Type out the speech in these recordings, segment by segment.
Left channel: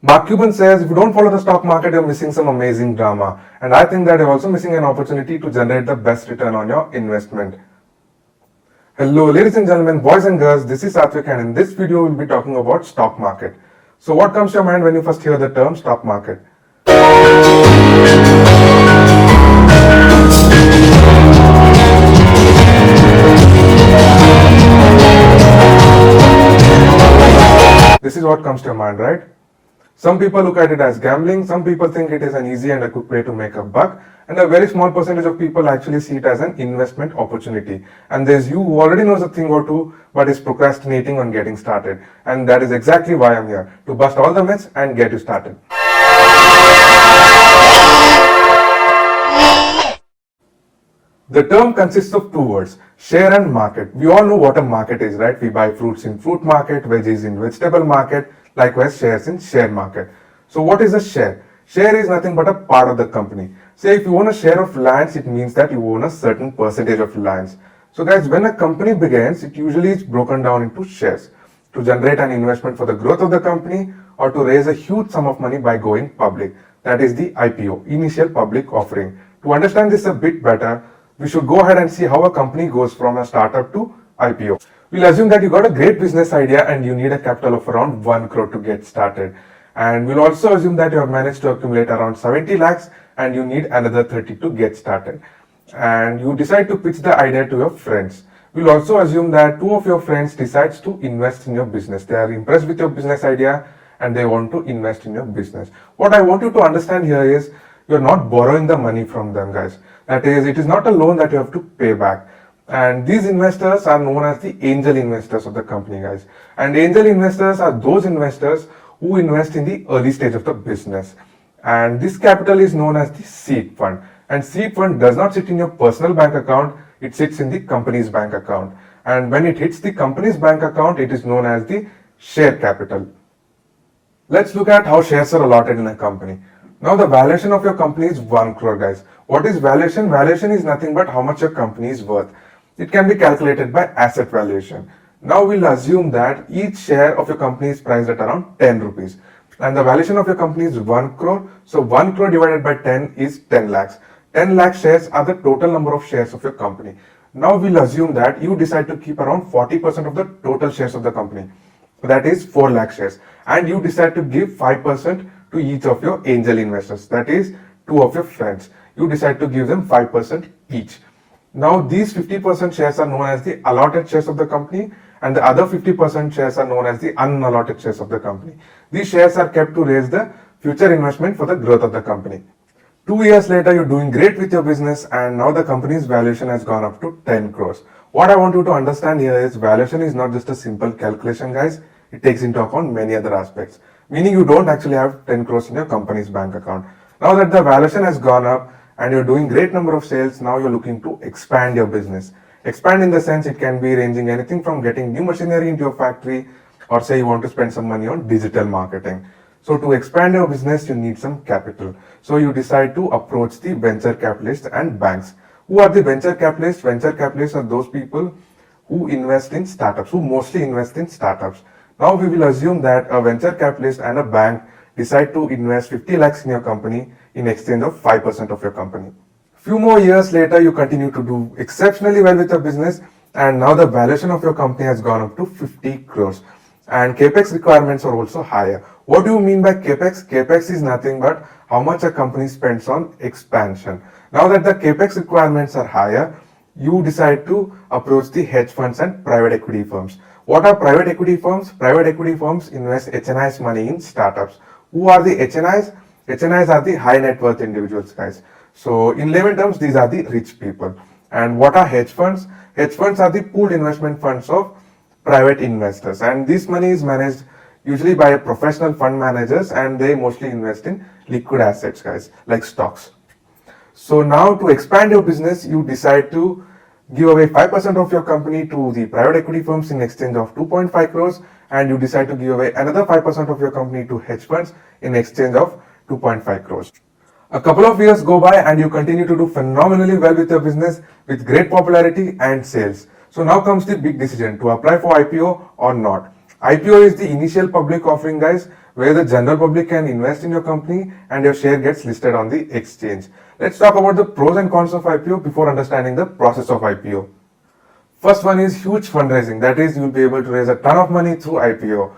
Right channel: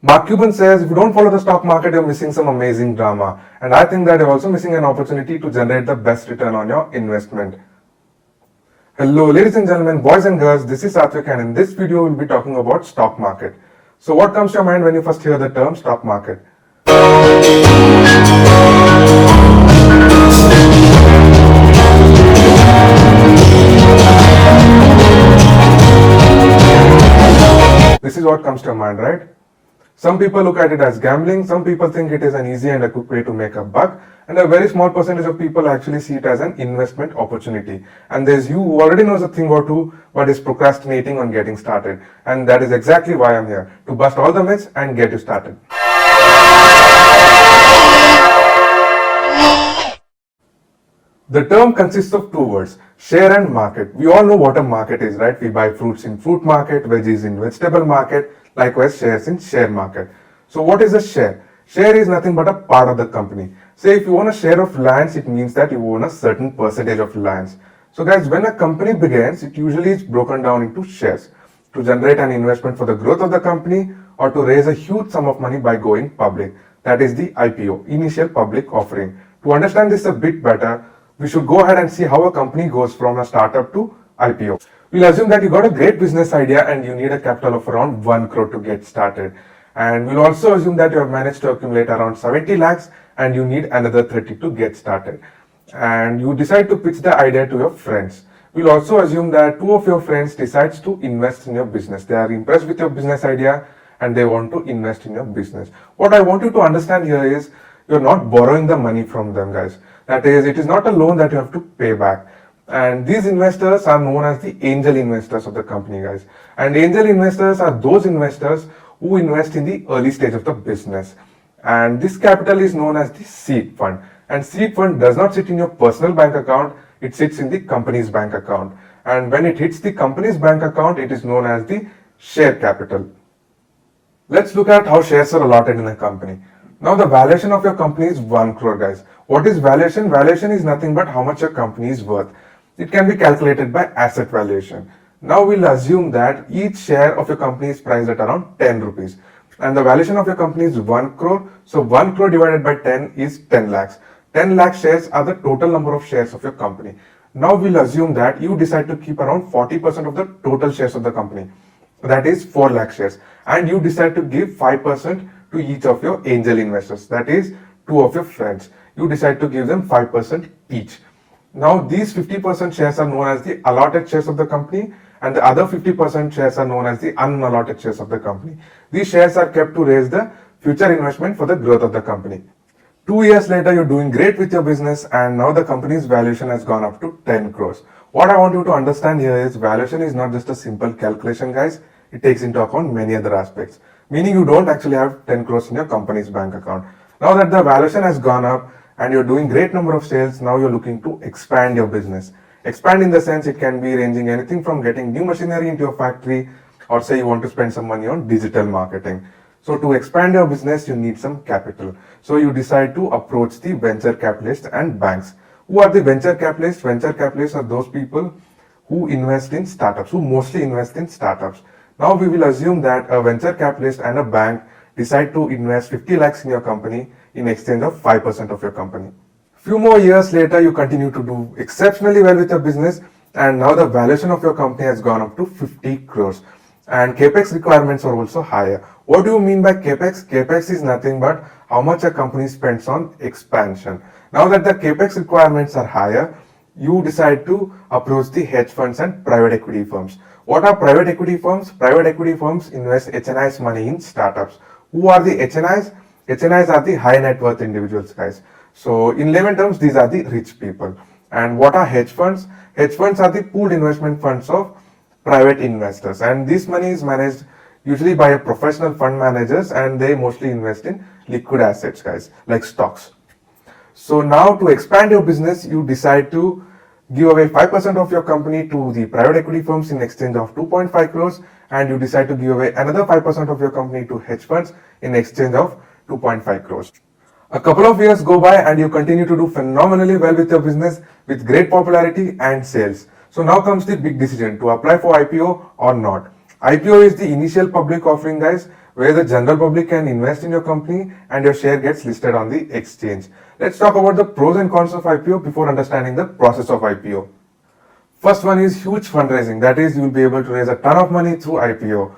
Mark Cuban says, if you don't follow the stock market, you're missing some amazing drama. And I think that you're also missing an opportunity to generate the best return on your investment. Hello, ladies and gentlemen, boys and girls, this is Satvik, and in this video, we'll be talking about stock market. So what comes to your mind when you first hear the term stock market? This is what comes to your mind, right? Some people look at it as gambling, some people think it is an easy and a quick way to make a buck, and a very small percentage of people actually see it as an investment opportunity. And there's you who already knows a thing or two but is procrastinating on getting started. And that is exactly why I'm here, to bust all the myths and get you started. The term consists of two words, share and market. We all know what a market is, right? We buy fruits in fruit market, veggies in vegetable market, likewise shares in share market. So what is a share? Share is nothing but a part of the company. Say if you own a share of lands, it means that you own a certain percentage of lands. So guys, when a company begins, it usually is broken down into shares to generate an investment for the growth of the company or to raise a huge sum of money by going public. That is the IPO, initial public offering. To understand this a bit better, we should go ahead and see how a company goes from a startup to IPO. We'll assume that you got a great business idea and you need a capital of around 1 crore to get started. And we'll also assume that you have managed to accumulate around 70 lakhs and you need another 30 to get started. And you decide to pitch the idea to your friends. We'll also assume that two of your friends decides to invest in your business. They are impressed with your business idea and they want to invest in your business. What I want you to understand here is you're not borrowing the money from them, guys. That is, it is not a loan that you have to pay back. And these investors are known as the angel investors of the company, guys. And angel investors are those investors who invest in the early stage of the business. And this capital is known as the seed fund. And seed fund does not sit in your personal bank account, it sits in the company's bank account. And when it hits the company's bank account, it is known as the share capital. Let's look at how shares are allotted in a company. Now the valuation of your company is 1 crore, guys. What is valuation? Valuation is nothing but how much your company is worth. It can be calculated by asset valuation. Now we'll assume that each share of your company is priced at around 10 rupees. And the valuation of your company is 1 crore. So 1 crore divided by 10 is 10 lakhs. 10 lakh shares are the total number of shares of your company. Now we'll assume that you decide to keep around 40% of the total shares of the company. That is 4 lakh shares. And you decide to give 5% to each of your angel investors. That is 2 of your friends. You decide to give them 5% each. Now these 50% shares are known as the allotted shares of the company and the other 50% shares are known as the unallotted shares of the company. These shares are kept to raise the future investment for the growth of the company. 2 years later, you're doing great with your business and now the company's valuation has gone up to 10 crores. What I want you to understand here is valuation is not just a simple calculation, guys. It takes into account many other aspects. Meaning you don't actually have 10 crores in your company's bank account. Now that the valuation has gone up and you're doing great number of sales, now you're looking to expand your business. Expand in the sense it can be ranging anything from getting new machinery into your factory or say you want to spend some money on digital marketing. So to expand your business, you need some capital. So you decide to approach the venture capitalists and banks. Who are the venture capitalists? Venture capitalists are those people who invest in startups, who mostly invest in startups. Now we will assume that a venture capitalist and a bank decide to invest 50 lakhs in your company in exchange of 5% of your company. Few more years later, you continue to do exceptionally well with your business and now the valuation of your company has gone up to 50 crores. And capex requirements are also higher. What do you mean by capex? Capex is nothing but how much a company spends on expansion. Now that the capex requirements are higher, you decide to approach the hedge funds and private equity firms. What are private equity firms? Private equity firms invest HNI's money in startups. Who are the HNIs? HNIs are the high net worth individuals, guys. So in layman terms, these are the rich people. And what are hedge funds? Hedge funds are the pooled investment funds of private investors. And this money is managed usually by a professional fund managers and they mostly invest in liquid assets, guys, like stocks. So now to expand your business, you decide to give away 5% of your company to the private equity firms in exchange of 2.5 crores and you decide to give away another 5% of your company to hedge funds in exchange of 2.5 crores. A couple of years go by and you continue to do phenomenally well with your business with great popularity and sales. So now comes the big decision to apply for IPO or not. IPO is the initial public offering, guys, where the general public can invest in your company and your share gets listed on the exchange. Let's talk about the pros and cons of IPO before understanding the process of IPO. First one is huge fundraising. That is, you'll be able to raise a ton of money through IPO.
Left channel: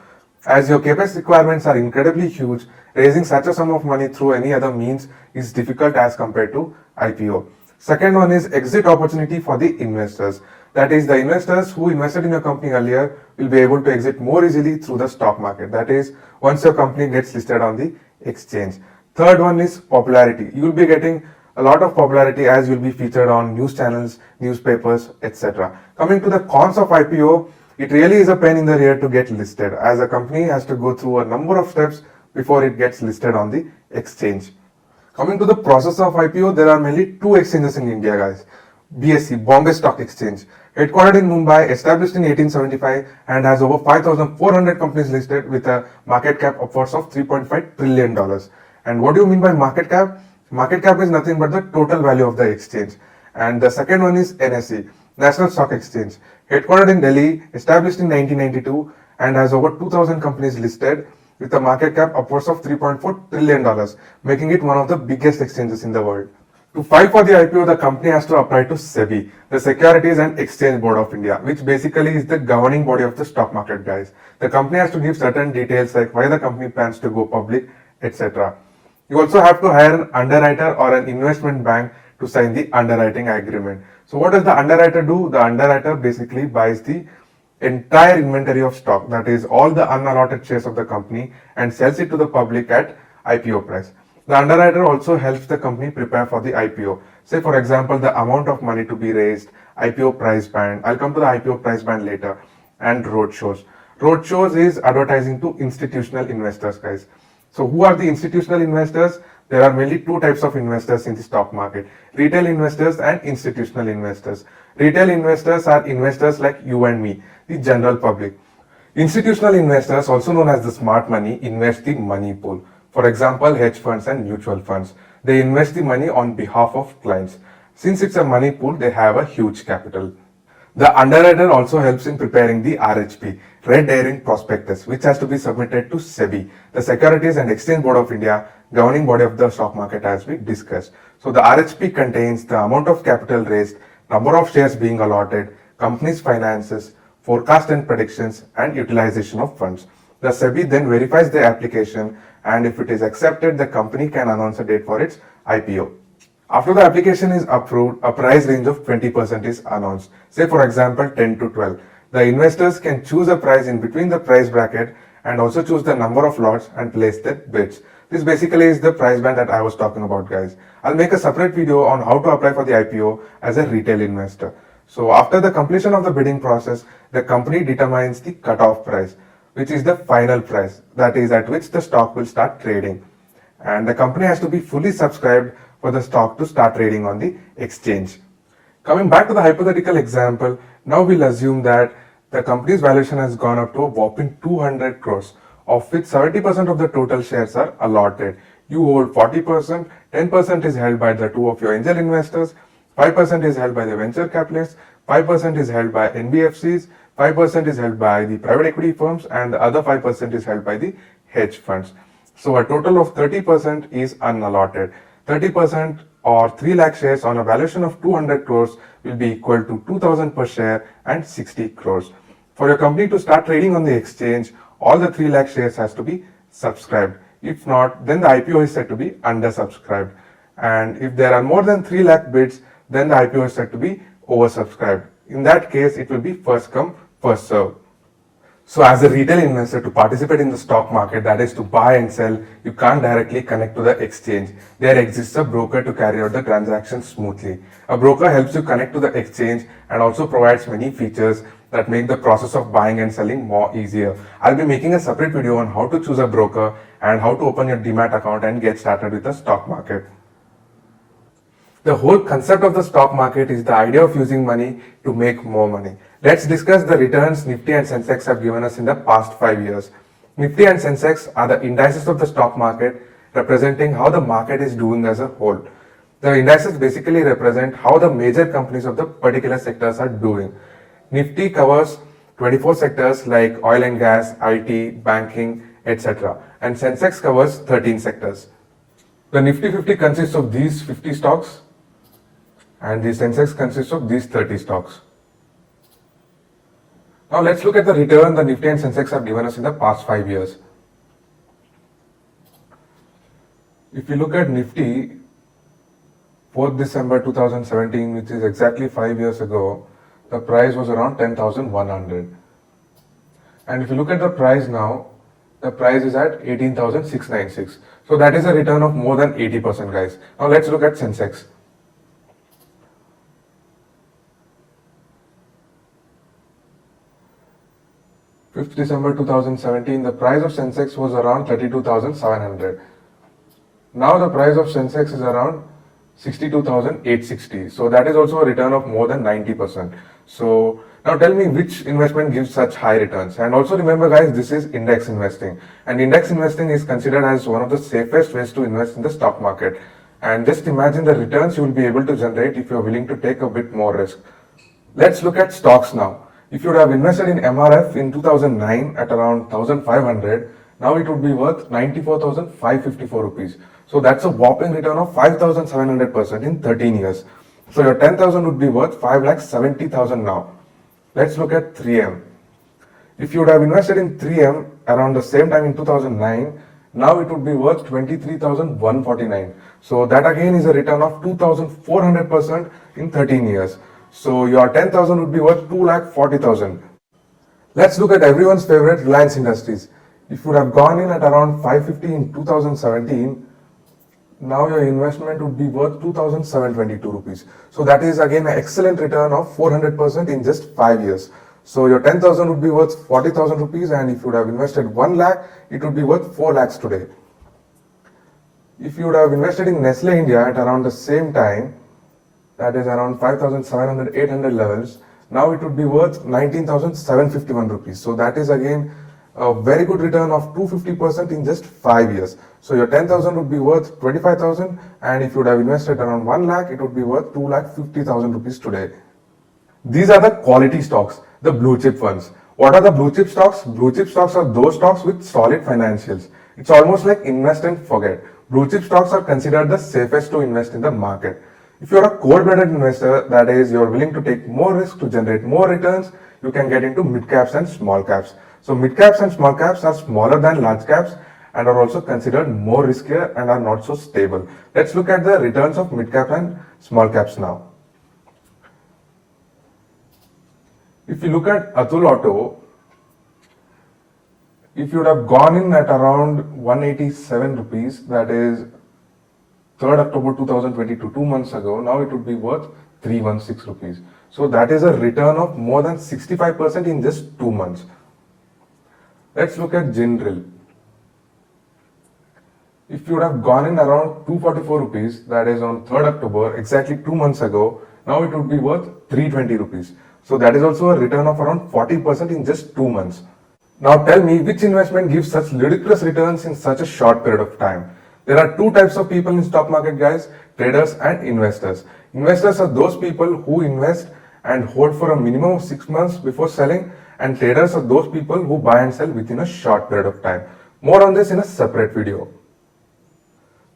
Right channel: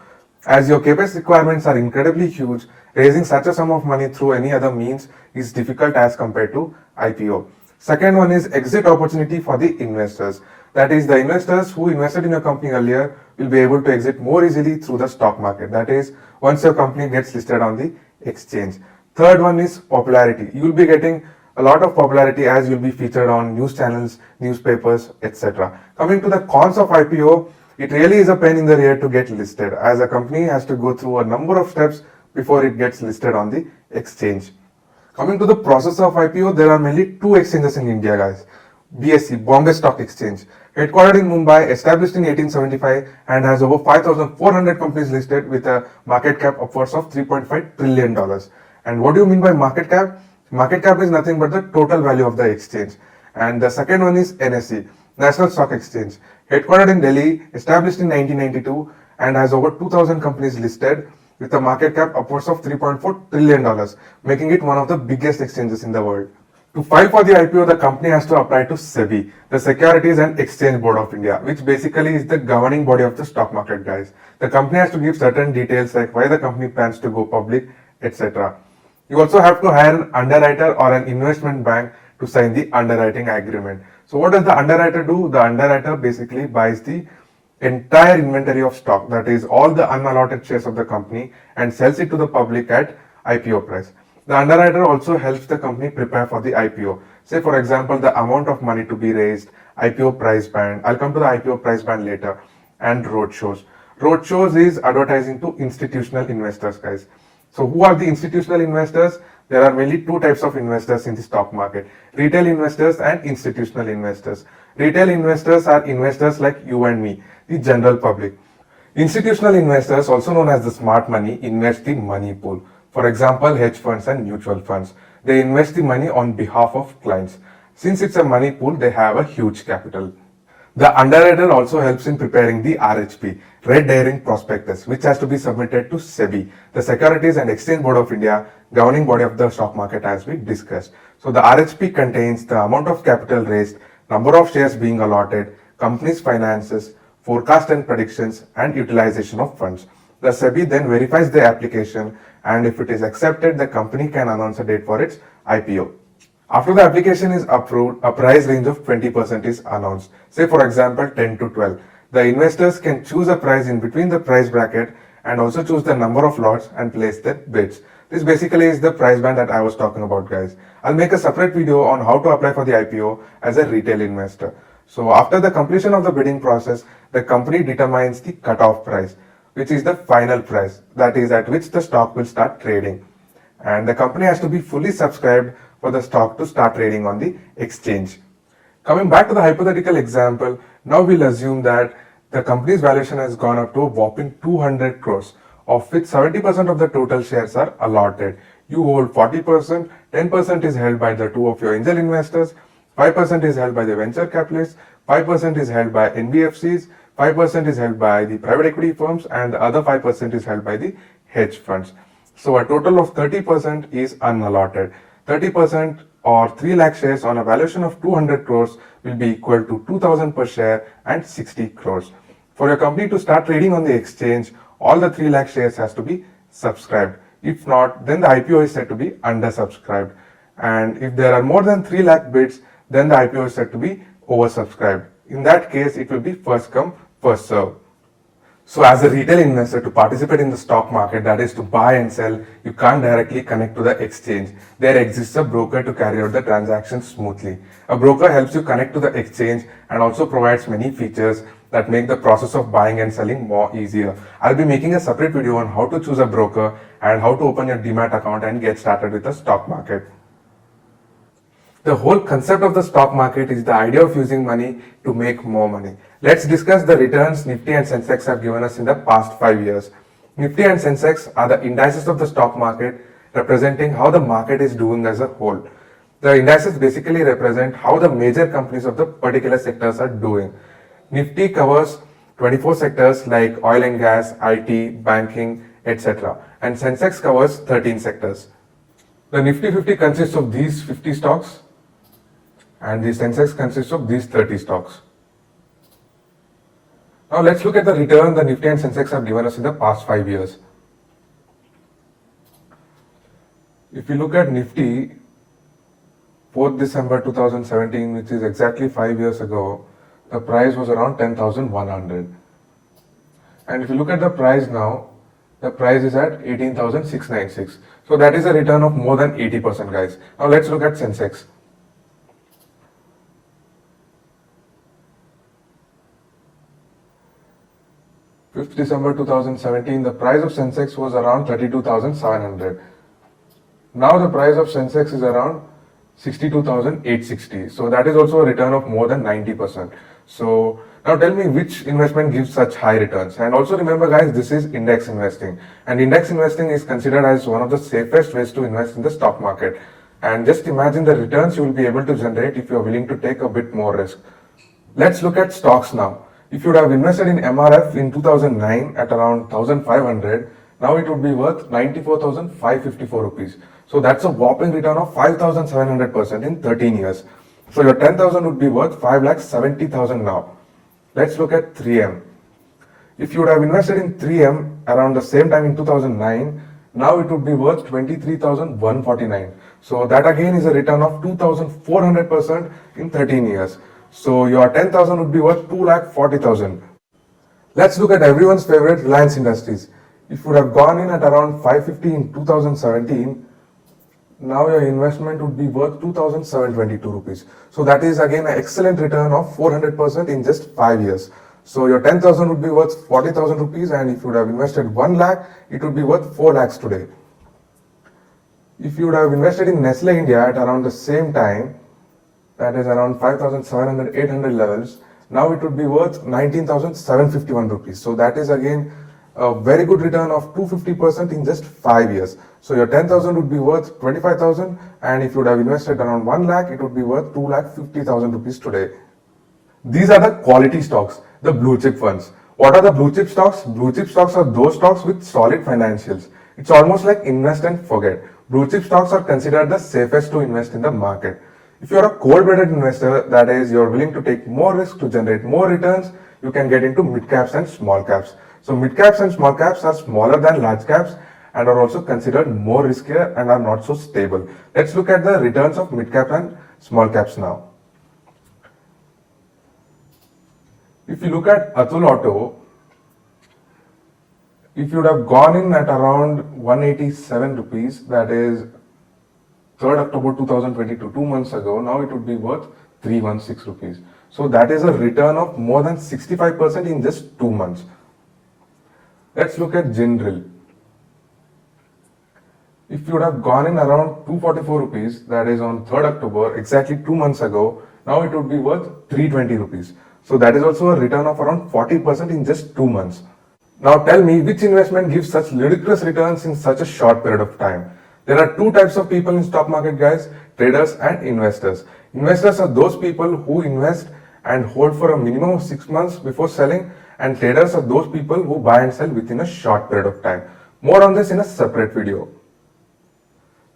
As your CapEx requirements are incredibly huge, raising such a sum of money through any other means is difficult as compared to IPO. Second one is exit opportunity for the investors. That is, the investors who invested in your company earlier will be able to exit more easily through the stock market. That is, once your company gets listed on the exchange. Third one is popularity. You will be getting a lot of popularity as you'll be featured on news channels, newspapers, etc. Coming to the cons of IPO, it really is a pain in the rear to get listed, as a company has to go through a number of steps before it gets listed on the exchange. Coming to the process of IPO, there are mainly two exchanges in India, guys. BSE, Bombay Stock Exchange, headquartered in Mumbai, established in 1875 and has over 5,400 companies listed with a market cap upwards of $3.5 trillion. And what do you mean by market cap? Market cap is nothing but the total value of the exchange. And the second one is NSE, National Stock Exchange, headquartered in Delhi, established in 1992 and has over 2,000 companies listed with a market cap upwards of $3.4 trillion, making it one of the biggest exchanges in the world. To file for the IPO, the company has to apply to SEBI, the Securities and Exchange Board of India, which basically is the governing body of the stock market, guys. The company has to give certain details like why the company plans to go public, etc. You also have to hire an underwriter or an investment bank to sign the underwriting agreement. So what does the underwriter do? The underwriter basically buys the entire inventory of stock, that is all the unallotted shares of the company, and sells it to the public at IPO price. The underwriter also helps the company prepare for the IPO. Say for example, the amount of money to be raised, IPO price band. I'll come to the IPO price band later. And roadshows. Roadshows is advertising to institutional investors, guys. So who are the institutional investors? There are mainly two types of investors in the stock market: retail investors and institutional investors. Retail investors are investors like you and me, the general public. Institutional investors, also known as the smart money, invest the money pool. For example, hedge funds and mutual funds. They invest the money on behalf of clients. Since it's a money pool, they have a huge capital. The underwriter also helps in preparing the RHP, Red Herring Prospectus, which has to be submitted to SEBI, the Securities and Exchange Board of India, governing body of the stock market, as we discussed. So the RHP contains the amount of capital raised, number of shares being allotted, company's finances, forecast and predictions, and utilization of funds. The SEBI then verifies the application, and if it is accepted, the company can announce a date for its IPO. After the application is approved, a price range of 20% is announced. Say for example 10 to 12. The investors can choose a price in between the price bracket and also choose the number of lots and place their bids. This basically is the price band that I was talking about, guys. I'll make a separate video on how to apply for the IPO as a retail investor. So after the completion of the bidding process, the company determines the cutoff price, which is the final price, that is at which the stock will start trading. And the company has to be fully subscribed for the stock to start trading on the exchange. Coming back to the hypothetical example, now we'll assume that the company's valuation has gone up to a whopping 200 crores, of which 70% of the total shares are allotted. You hold 40%, 10% is held by the two of your angel investors, 5% is held by the venture capitalists, 5% is held by NBFCs, 5% is held by the private equity firms, and the other 5% is held by the hedge funds. So a total of 30% is unallotted. 30% or 3 lakh shares on a valuation of 200 crores will be equal to 2000 per share and 60 crores. For your company to start trading on the exchange, all the 3 lakh shares has to be subscribed. If not, then the IPO is said to be undersubscribed. And if there are more than 3 lakh bids, then the IPO is said to be oversubscribed. In that case, it will be first come, first serve. So as a retail investor, to participate in the stock market, that is to buy and sell, you can't directly connect to the exchange. There exists a broker to carry out the transaction smoothly. A broker helps you connect to the exchange and also provides many features that make the process of buying and selling more easier. I'll be making a separate video on how to choose a broker and how to open your Demat account and get started with the stock market. The whole concept of the stock market is the idea of using money to make more money. Let's discuss the returns Nifty and Sensex have given us in the past 5 years. Nifty and Sensex are the indices of the stock market, representing how the market is doing as a whole. The indices basically represent how the major companies of the particular sectors are doing. Nifty covers 24 sectors like oil and gas, IT, banking, etc. and Sensex covers 13 sectors. The Nifty 50 consists of these 50 stocks and the Sensex consists of these 30 stocks. Now let's look at the return the Nifty and Sensex have given us in the past 5 years. If you look at Nifty, 4th December 2017, which is exactly 5 years ago, the price was around 10,100. And if you look at the price now, the price is at 18,696. So that is a return of more than 80%, guys. Now let's look at Sensex. December 2017, the price of Sensex was around 32,700. Now the price of Sensex is around 62,860. So that is also a return of more than 90%. So now tell me which investment gives such high returns. And also remember, guys, this is index investing. And index investing is considered as one of the safest ways to invest in the stock market. And just imagine the returns you will be able to generate if you are willing to take a bit more risk. Let's look at stocks now. If you would have invested in MRF in 2009 at around 1,500, now it would be worth 94,554 rupees. So that's a whopping return of 5,700% in 13 years. So your 10,000 would be worth 5,70,000 now. Let's look at 3M. If you would have invested in 3M around the same time in 2009, now it would be worth 23,149. So that again is a return of 2,400% in 13 years. So your 10,000 would be worth 2,40,000. Let's look at everyone's favorite, Reliance Industries. If you would have gone in at around 550 in 2017, now your investment would be worth 2,722 rupees. So that is again an excellent return of 400% in just 5 years. So your 10,000 would be worth 40,000 rupees, and if you would have invested 1 lakh, it would be worth 4 lakhs today. If you would have invested in Nestle India at around the same time, that is around 5,700, 800 levels, now it would be worth 19,751 rupees. So that is again a very good return of 250% in just 5 years. So your 10,000 would be worth 25,000, and if you would have invested around 1 lakh, it would be worth 2,50,000 rupees today. These are the quality stocks, the blue chip funds. What are the blue chip stocks? Blue chip stocks are those stocks with solid financials. It's almost like invest and forget. Blue chip stocks are considered the safest to invest in the market. If you're a cold-blooded investor, that is, you're willing to take more risk to generate more returns, you can get into mid caps and small caps. So mid caps and small caps are smaller than large caps and are also considered more riskier and are not so stable. Let's look at the returns of mid cap and small caps now. If you look at Atul Auto, if you would have gone in at around 187 rupees, that is 3rd October 2022, 2 months ago, now it would be worth 316 rupees. So that is a return of more than 65% in just 2 months. Let's look at General. If you would have gone in around 244 rupees, that is on 3rd October, exactly 2 months ago, now it would be worth 320 rupees. So that is also a return of around 40% in just 2 months. Now tell me, which investment gives such ludicrous returns in such a short period of time? There are two types of people in stock market, guys, traders and investors. Investors are those people who invest and hold for a minimum of 6 months before selling, and traders are those people who buy and sell within a short period of time. More on this in a separate video.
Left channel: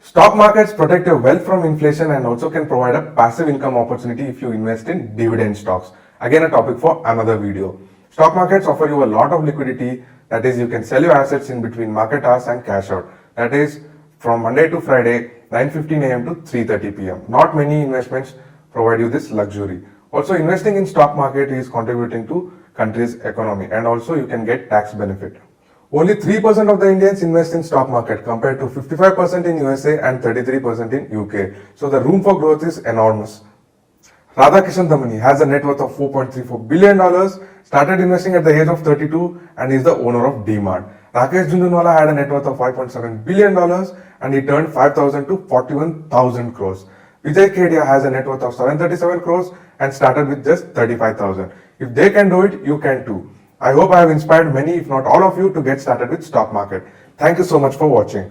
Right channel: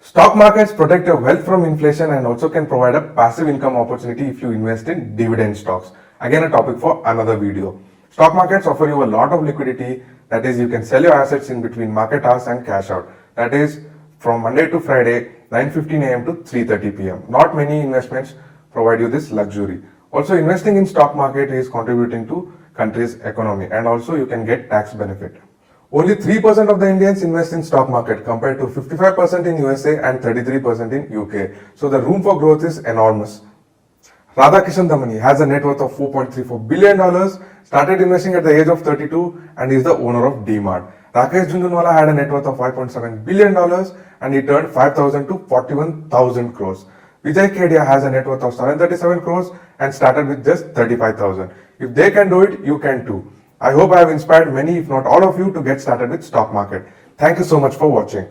Stock markets protect your wealth from inflation and also can provide a passive income opportunity if you invest in dividend stocks. Again, a topic for another video. Stock markets offer you a lot of liquidity, that is, you can sell your assets in between market hours and cash out. That is, from Monday to Friday, 9:15 a.m. to 3:30 p.m. Not many investments provide you this luxury. Also, investing in stock market is contributing to country's economy, and also you can get tax benefit. Only 3% of the Indians invest in stock market compared to 55% in USA and 33% in UK. So the room for growth is enormous. Radhakishan Damani has a net worth of $4.34 billion, started investing at the age of 32 and is the owner of DMart. Rakesh Jhunjhunwala had a net worth of $5.7 billion and he turned 5,000 to 41,000 crores. Vijay Kedia has a net worth of 737 crores and started with just 35,000. If they can do it, you can too. I hope I have inspired many, if not all of you, to get started with stock market. Thank you so much for watching.